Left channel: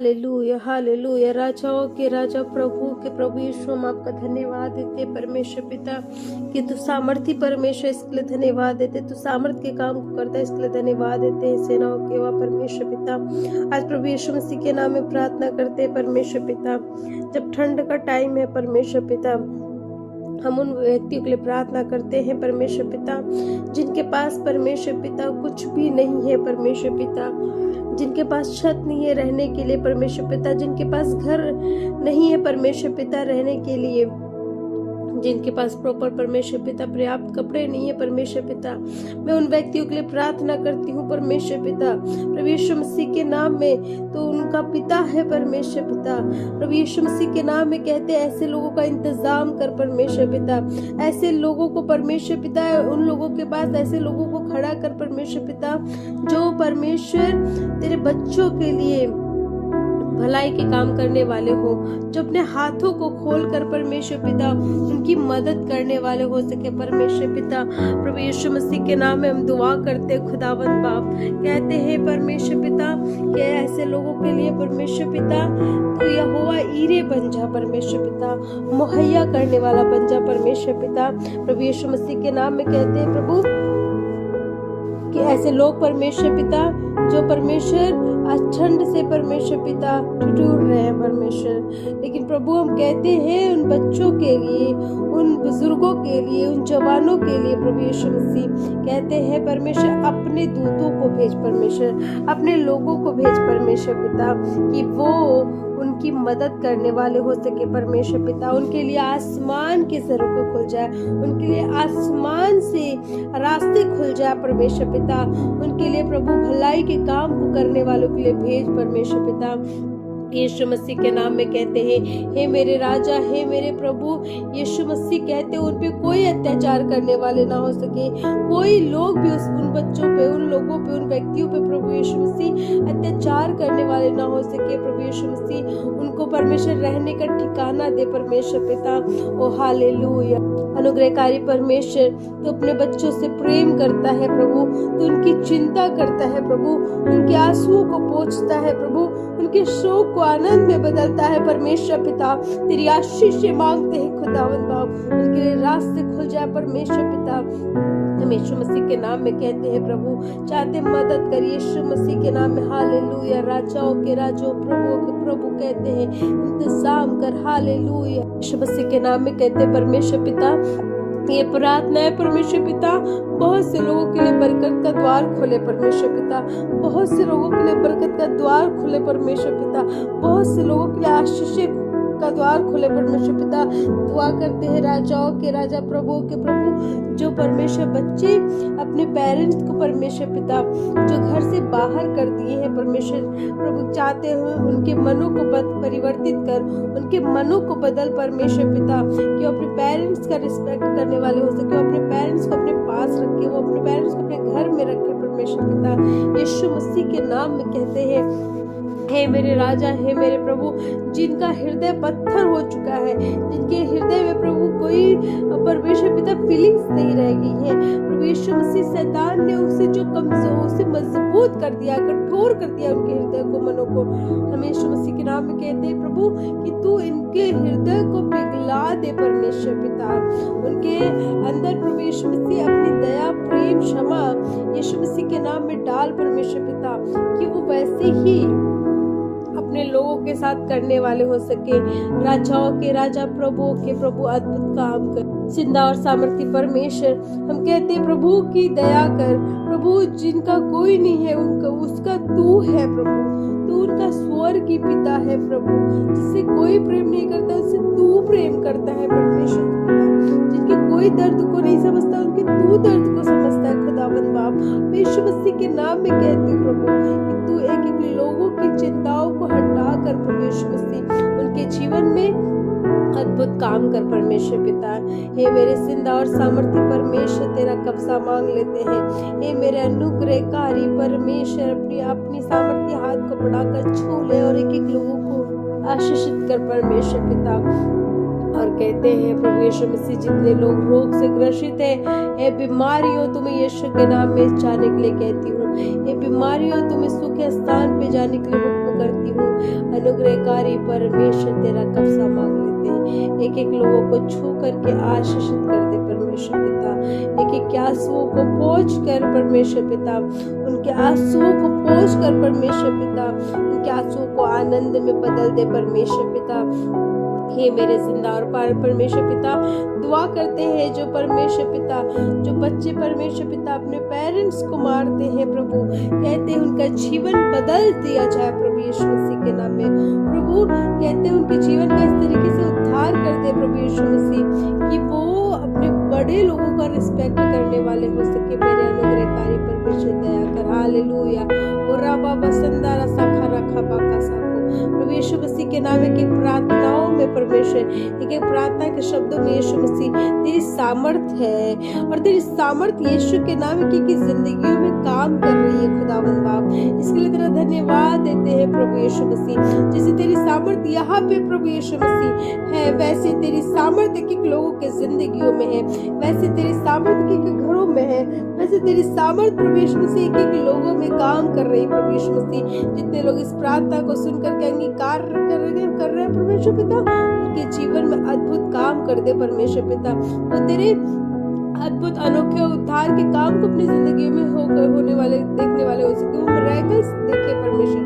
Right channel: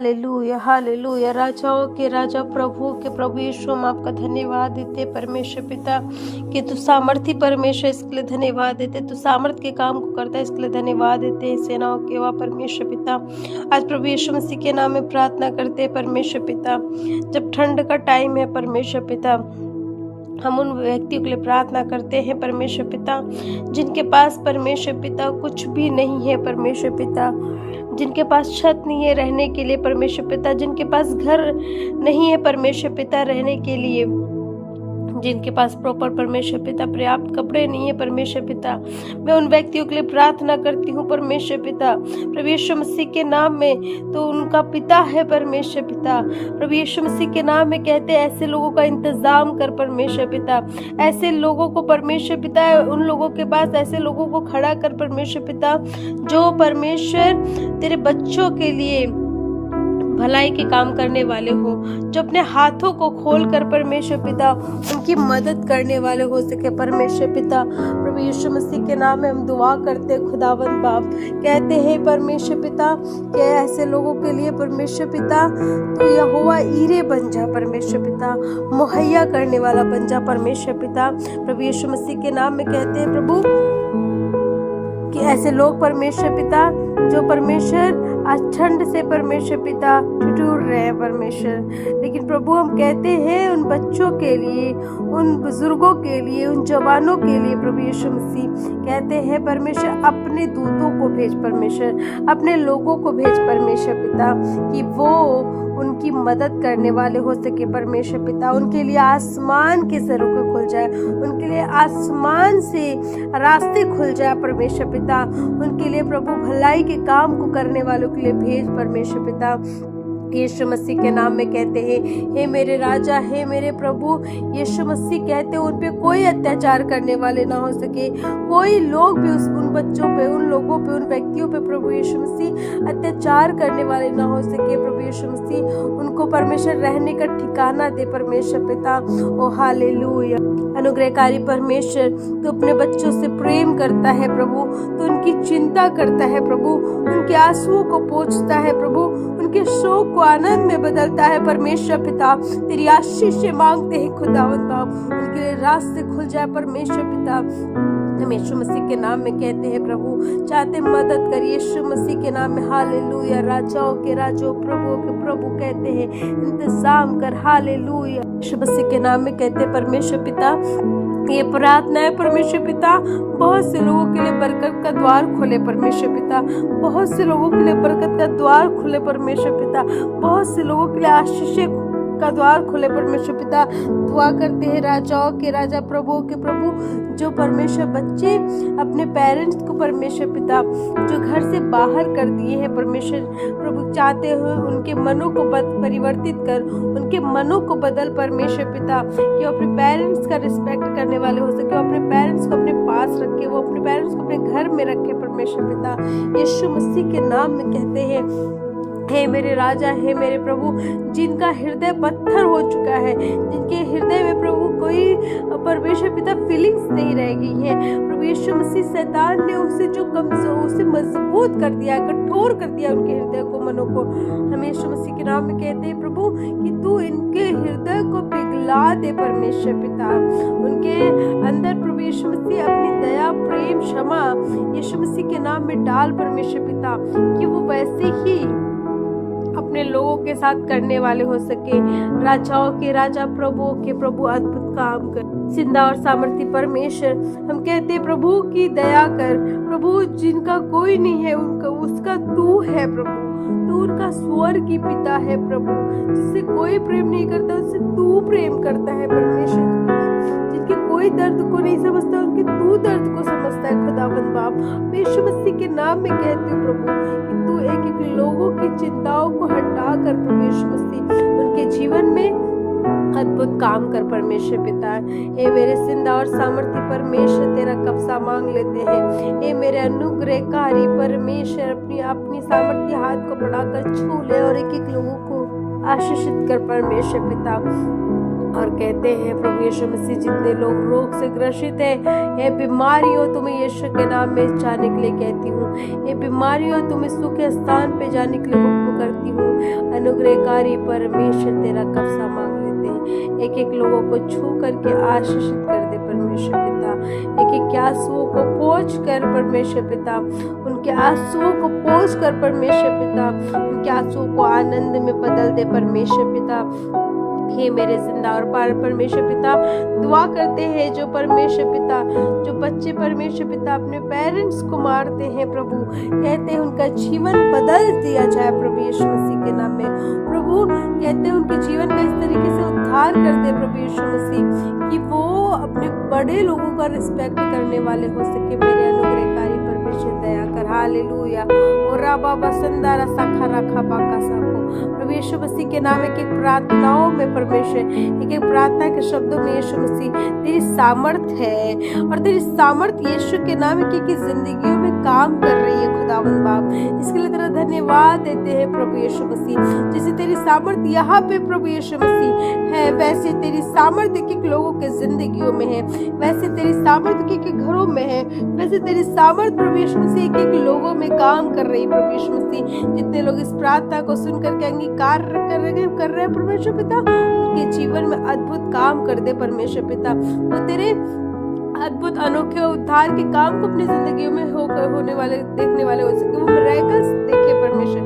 Hallelujah hallelujah. राजाओं के राजा प्रभु के प्रभु यीशु, हम आपका धन्यवाद देते परमेश्वर पिता कि तू सामर्थी परमेश्वर, इसके लिए धन्यवाद देते। तू सामर्थ के काम को करता है, इसके लिए धन्यवाद देते हैं। सेनाओं के वह परमेश्वर पिता, आज प्रभु यीशु मसीह के नाम में प्रार्थना करते हैं परमेश्वर पिता। जब ठंड का टाइम है परमेश्वर पिता, हम उन व्यक्तियों के लिए प्रार्थना करते हैं परमेश्वर पिता जिनके पास परमेश्वर पिता कुछ भी नहीं है परमेश्वर पिता, जिनके पास छत नहीं है रहने के लिए परमेश्वर पिता, जिनके पास घर नहीं है परमेश्वर पिता रहने के लिए, जिनके पास प्रॉपर परमेश्वर पिता पर्याप्त कपड़े नहीं है परमेश्वर पिता, मैं उन व्यक्तियों के लिए प्रार्थना करती हूँ परमेश्वर पिता प्रभु यीशु मसीह के नाम में। तो उनका पिता है परमेश्वर पिता, प्रभु यीशु मसीह के नाम में कहते हैं ऐसे लोगों का इंतजाम कर परमेश्वर पिता, ऐसे लोगों को परमेश्वर पिता, उन लोगों के पास ऐसे लोगों को खड़ा कर परमेश्वर पिता जो परमेश्वर तेरे बच्चों के लिए भलाई के काम करने वाले हो, जो अपने हाथों को खोल कर परमेश्वर पिता उनकी मदद करने वाले हो सके परमेश्वर पिता। प्रभु यीशु मसीह के नाम में हम दुआ करते खुदावंद बाप, कहते हैं परमेश्वर पिता कि ऐसे लोगों के लिए परमेश्वर पिता तू यहोवा ईरे बन जा परमेश्वर पिता, मुहैया करने वाला बन जा परमेश्वर पिता। प्रभु यीशु मसीह के नाम में कहते हैं प्रभु कि ऐसे लोग परमेश्वर पिता जो परमेश्वर आज ठंड से परमेश्वर पिता ठिठुर रहे हैं परमेश्वर, लेकिन प्रभु हम कहते हैं उन बच्चों के लिए, उन बुजुर्गों के लिए, उन जवानों के लिए प्रभु यीशु मसीह कहते हैं परमेश्वर अपने दूतों को भेज परमेश्वर, अपने लोगों को भेज परमेश्वर पिता कि वो उनकी मदद करने वाले हो सके परमेश्वर पिता। उनके लिए आसमान के सरों को खुल जाए, उनके लिए आसमान से रास्ते खुल जाए परमेश्वर पिता, उनके लिए प्रभु भलाई के काम को करने वालों के लिए भेज परमेश्वर पिता। यीशु मसीह के नाम में कहते हैं हे मेरे राजा, हे मेरे प्रभु यीशु मसीह कहते हैं उन पे कोई अत्याचार करने वाले ना हो सके, कोई लोग भी उन बच्चों पे, उन लोगों पे, उन व्यक्तियों पे प्रभु यीशु मसीह अत्याचार करने वाले ना हो सके प्रभु यीशु मसीह, उनको परमेश्वर रहने का ठिकाना दे परमेश्वर पिता। ओ हालेलुया। अनुग्रहकारी परमेश्वर तो अपने बच्चों से प्रेम करता है प्रभु, तो उनकी चिंता करता है प्रभु, उनके आंसुओं को पोंछता है प्रभु, उनके शोक को आनंद में बदलता है परमेश्वर पिता। तेरी आशीष मांगते हैं खुदावंद बाप, उनके लिए रास्ते खुल जाए परमेश्वर पिता। हम यीशु मसीह के नाम में कहते हैं प्रभु, चाहते मदद कर यीशु मसीह के नाम में। हालेलुया। राजाओं के राजो, प्रभुओं के प्रभु कहते हैं इंतजाम कर। हालेलुया। यीशु मसीह के नाम में कहते हैं परमेश्वर पिता ये प्रार्थना है परमेश्वर पिता, बहुत से लोगों के लिए बरकत का द्वार खोले परमेश्वर पिता, बहुत से लोगों के लिए बरकत का द्वार खुले परमेश्वर पिता, बहुत से लोगों के लिए आशीष का द्वार खुले परमेश्वर पिता। दुआ करते हैं राजाओं के राजा, प्रभुओं के प्रभु, जो परमेश्वर बच्चे अपने पेरेंट्स को परमेश्वर पिता जो घर से बाहर कर दिए हैं परमेश्वर प्रभु, चाहते हो उनके मनों को परिवर्तित कर, उनके मनों को बदल परमेश्वर पिता कि वो अपने पेरेंट्स का रिस्पेक्ट करने वाले हो सके, वो अपने पेरेंट्स को अपने पास रखे, वो अपने पेरेंट्स को अपने घर में रखे परमेश्वर पिता। यीशु मसीह के नाम में कहते हैं हे मेरे राजा, हे मेरे प्रभु, जिनका हृदय पत्थर हो चुका है, जिनके हृदय में प्रभु कोई परमेश्वर पिता फीलिंग्स नहीं रह गई है प्रभु यीशु मसीह, शैतान ने उसे जो कमजोर, उसे मजबूत कर दिया, कठोर कर दिया उनके हृदय को, मनों को। हम यीशु मसीह के नाम में कहते हैं प्रभु कि तू इनके हृदय को पिघला दे परमेश्वर पिता, उनके अंदर प्रभु यीशु मसीह अपनी दया, प्रेम, क्षमा यीशु मसीह के नाम में डाल परमेश्वर पिता कि वो वैसे ही अपने लोगों के साथ करने वाले हो सके। राजाओं के राजा, प्रभुओं के प्रभु अद्भुत काम कर। जिंदा और सामर्थी परमेश्वर हम कहते हैं प्रभु की दया कर प्रभु, जिनका कोई नहीं है उनका, उसका तू है प्रभु, तू उनका स्वर्गीय पिता है प्रभु, जिससे कोई प्रेम नहीं करता उससे तू प्रेम करता है परमेश्वर पिता, जिनके कोई दर्द को नहीं समझता उनके तू दर्द को समझता है खुदावंद बाप। यीशु मसीह के नाम में कहते हैं प्रभु कि तू एक एक लोगों की चिंताओं को हटा कर परमेश्वर मसीह उनके जीवन में अद्भुत काम कर परमेश्वर पिता। हे मेरे जिंदा और सामर्थी परमेश्वर तेरा कब्जा मांग लेते हैं, हे मेरे अनुग्रहकारी परमेश्वर अपनी सामर्थी हाथ को बढ़ाकर छू ले और एक एक लोगों को आशीषित कर परमेश्वर पिता। और कहते हैं प्रभु यीशु मसीह, जितने लोग रोग से ग्रसित हैं, ये बीमारियों तुम्हें यीशु के नाम में जाने के लिए कहती हूँ, ये बीमारियों तुम्हें सुख स्थान पे जाने के लिए हुक्म करती हूँ। अनुग्रहकारी परमेश्वर तेरा कब्जा मांग लेते हैं। एक एक लोगों को छू करके आशीषित कर दे परमेश्वर पिता। एक एक आंसुओं को पोंछ कर परमेश्वर पिता, उनके आंसुओं को पोंछ कर परमेश्वर पिता, उनके आंसुओं को आनंद में बदल दे परमेश्वर पिता। हे मेरे जिंदा और परमेश्वर पिता, दुआ करते हैं जो परमेश्वर पिता, जो बच्चे परमेश्वर पिता अपने पेरेंट्स को मारते हैं प्रभु, कहते हैं उनका जीवन बदल दिया जाए प्रभु यीशु मसीह के नाम में। प्रभु कहते हैं उनके जीवन का इस तरीके से उद्धार कर दे प्रभु यीशु मसीह कि वो अपने बड़े लोगों का रिस्पेक्ट करने वाले हो सके। मेरे अनुग्रहकारी परमेश्वर दया कर। हालेलुया। और राबा बसंदा रसा खरा खबा का साको प्रभु यीशु मसीह के नाम एक प्रार्थनाओं में परमेश्वर, एक एक प्रार्थना के शब्दों में यीशु मसीह तेरी सामर्थ है और तेरी सामर्थ यीशु के नाम की जिंदगियों में काम कर रही है खुदावंद बाप। इसके लिए तेरा धन्यवाद देते हैं प्रभु यीशु मसीह। जैसे तेरी सामर्थ यहाँ पे प्रभु यीशु मसीह है, वैसे तेरी सामर्थ एक एक लोगों के जिंदगियों में है, वैसे तेरी सामर्थ एक एक घरों में है, वैसे तेरी सामर्थ प्रभु यीशु मसीह एक एक लोगों में काम कर रही है प्रभु यीशु मसीह। जितने लोग इस प्रार्थना को सुन करके अंगीकार कर रहे हैं परमेश्वर पिता, उनके जीवन में अद्भुत काम कर दे परमेश्वर पिता। वो तेरे अद्भुत अनोखे उद्धार के काम को अपनी जिंदगियों में होने वाले देखने वाले हो सके, वो मिरेकल्स देखे परमेश्वर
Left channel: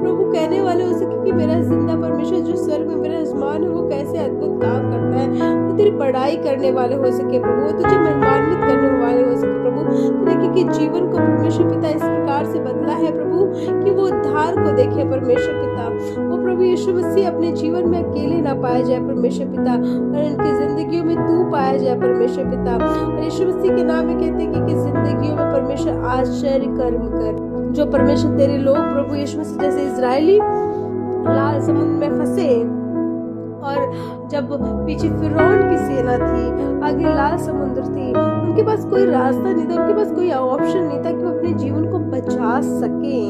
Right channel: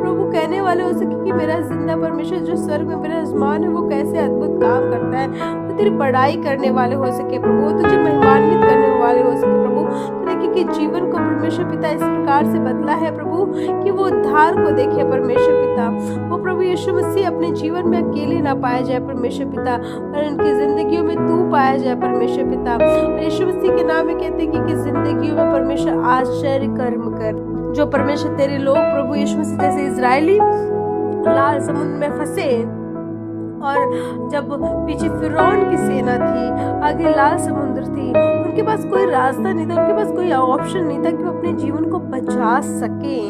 प्रभु, कहने वाले हो सके कि मेरा जिंदा परमेश्वर जो स्वर्ग में मेरा आसमान है वो कैसे अद्भुत काम करता है। वो तेरी बड़ाई करने वाले हो सके प्रभु, वो तुझे महिमान्वित करने वाले हो सके प्रभु। कि जीवन को परमेश्वर पिता इस प्रकार से बदला है प्रभु कि वो उद्धार को देखे परमेश्वर पिता। वो प्रभु यीशु मसीह अपने जीवन में अकेले ना पाया जाए परमेश्वर पिता, और उनकी जिंदगियों में तू पाया जाए परमेश्वर पिता। और यीशु मसीह के नाम में कहते हैं कि जिंदगियों में परमेश्वर आश्चर्य कर्म कर। जो परमेश्वर तेरे लोग प्रभु यीशु मसीह जैसे इजरायली लाल समुद्र में फंसे और जब पीछे फिरौन की सेना थी, आगे लाल समुद्र थी, उनके पास कोई रास्ता नहीं था, उनके पास कोई ऑप्शन नहीं था कि वो अपने जीवन को बचा सके।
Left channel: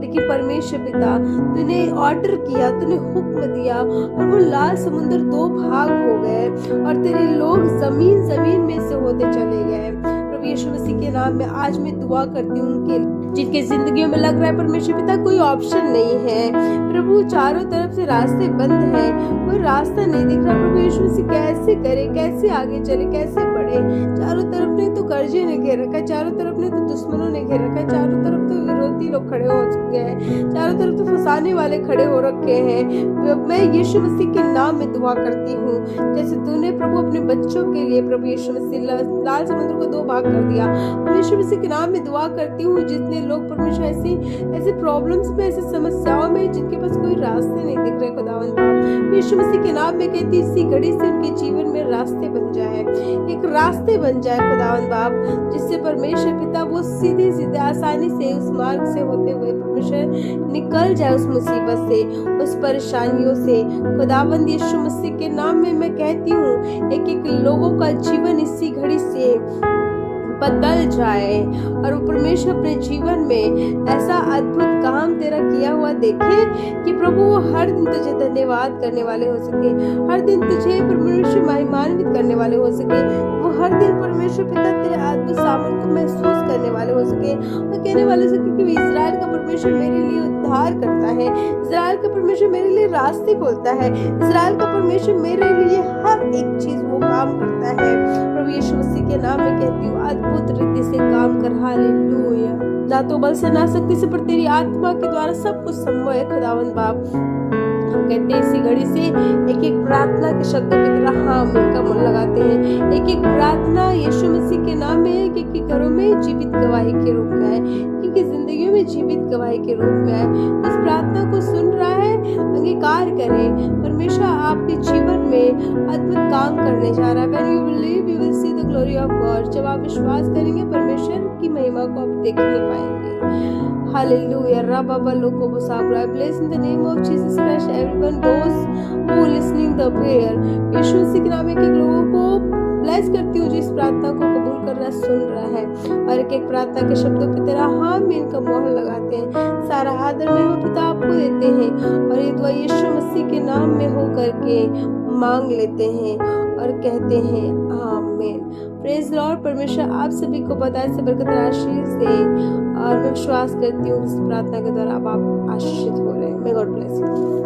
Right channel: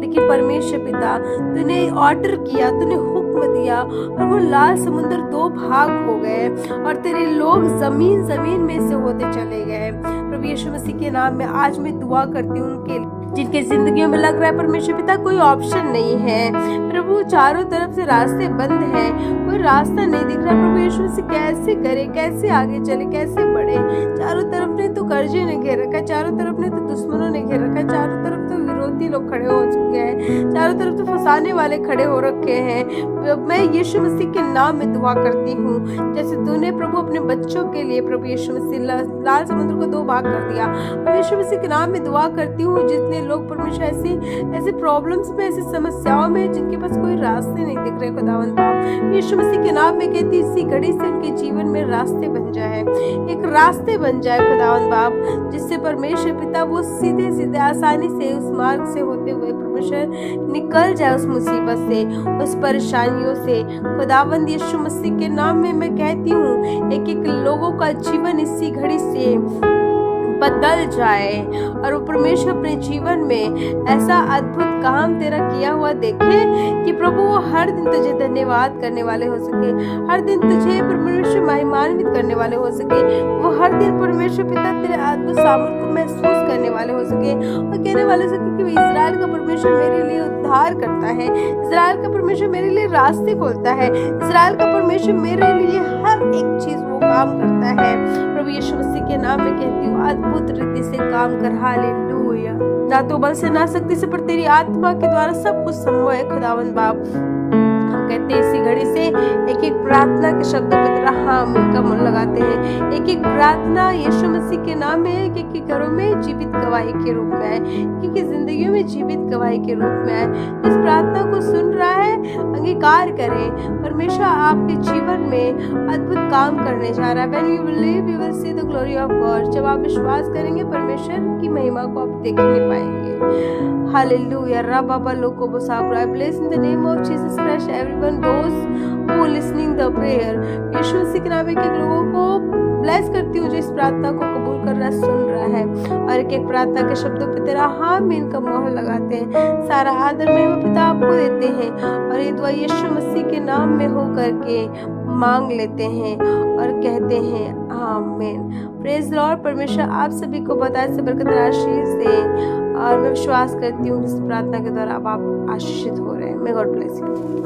लेकिन परमेश्वर पिता तूने ऑर्डर किया, तूने हुक्म दिया और वो लाल समुद्र दो भाग हो गए और तेरे लोग जमीन जमीन में से होते चले गए। प्रभु यीशु मसीह के नाम में आज मैं दुआ करती हूँ उनके जिनके जिंदगियों में लग रहा है परमेश्वर पिता कोई ऑप्शन नहीं है प्रभु, चारों तरफ से रास्ते बंद हैं, कोई रास्ता नहीं दिख रहा प्रभु यीशु मसीह, कैसे करे, कैसे आगे चले, कैसे बढ़े। चारों तरफ ने तो कर्जे ने घेर रखा है, चारों तरफ ने तो दुश्मनों ने घेर रखा है, चारों तरफ तो विरोधी लोग खड़े हो चुके हैं, चारों तरफ तो फंसाने वाले खड़े हो रखे हैं। मैं यीशु मसीह के नाम में दुआ करती हूँ, जैसे तूने प्रभु अपने बच्चों के लिए प्रभु यीशु मसीह लाल समुद्र को दो भाग कर दिया। मैं यीशु मसीह के नाम में दुआ करती हूँ जितने लोग परमेश्वर ऐसे प्रॉब्लम्स में, ऐसी समस्याओं में जिनके पास कोई रास्ते नहीं दिख रहे खुदावंद बाप, यीशु मसीह के नाम में कहती इसी घड़ी से उनके जीवन में रास्ते बन जाए, एक रास्ते बन जाए खुदावंद बाप, जिससे परमेश्वर पिता वो सीधे सीधे आसानी से उस मार्ग से होते हुए परमेश्वर निकल जाए उस मुसीबत से, उस परेशानियों से। खुदावंद यीशु मसीह के नाम में मैं कहती हूँ एक एक लोगों का जीवन इसी घड़ी से बदल जाए और वो परमेश्वर अपने जीवन में ऐसा अद्भुत काम तेरा किया हुआ देखे कि प्रभु वो हर दिन तुझे धन्यवाद करने वाले हो सके, हर दिन तुझे परमेश्वर महिमान्वित करने वाले हो सके, वो हर दिन परमेश्वर पिता तेरे अद्भुत सामर्थ को महसूस करने वाले हो सके और कहने वाले हो सके कि इजराइल का परमेश्वर मेरे लिए उद्धार करता है, इजराइल का परमेश्वर मेरे लिए रास्ते खोलता है, इजराइल का परमेश्वर मेरे लिए हर एक चीज वो काम करता है। प्रभु यीशु मसीह के नाम में कहती हूँ अद्भुत रीति से काम कर। हालेलुया। ना तो बल से ना शक्ति से, पर तेरी आत्मा के द्वारा सब कुछ संभव है खुदावंद बाप। हम कहते हैं इसी घड़ी से एक एक प्रार्थना के शब्दों पर तेरा हम इनका मन लगाते हैं। एक एक प्रार्थना यीशु मसीह के नाम में है, एक एक घरों में जीवित गवाही के रूप में है, एक एक जिंदगियों में जीवित गवाही के रूप में है। इस प्रार्थना को सुन रहा है, अंगीकार करें, परमेश्वर आपके जीवन में अद्भुत काम करने जा रहा है। When you believe, you will see the glory of God। जब आप विश्वास करेंगे परमेश्वर की महिमा को आप देखने पाएंगे। Hallelujah। Rababa loko bosabra। I bless in the name of Jesus Christ everyone those who listening the prayer। यीशु मसीह के नाम में एक लोगों को ब्लेस करती हूँ जो इस प्रार्थना को कबूल कर रहा, सुन रहा है और एक एक प्रार्थना के शब्दों पे तेरा हामीन का मोहर लगाते हैं। सारा आदर महिमा पिता आपको देते हैं और ये दुआ यीशु मसीह के नाम में हो करके मांग लेते हैं और कहते हैं आमीन। Praise Lord. परमेश्वर आप सभी को बताए से बरकत आशीष दे और मैं विश्वास करती हूँ इस प्रार्थना के द्वारा अब आप आशीषित हो रहे हैं। May God bless you.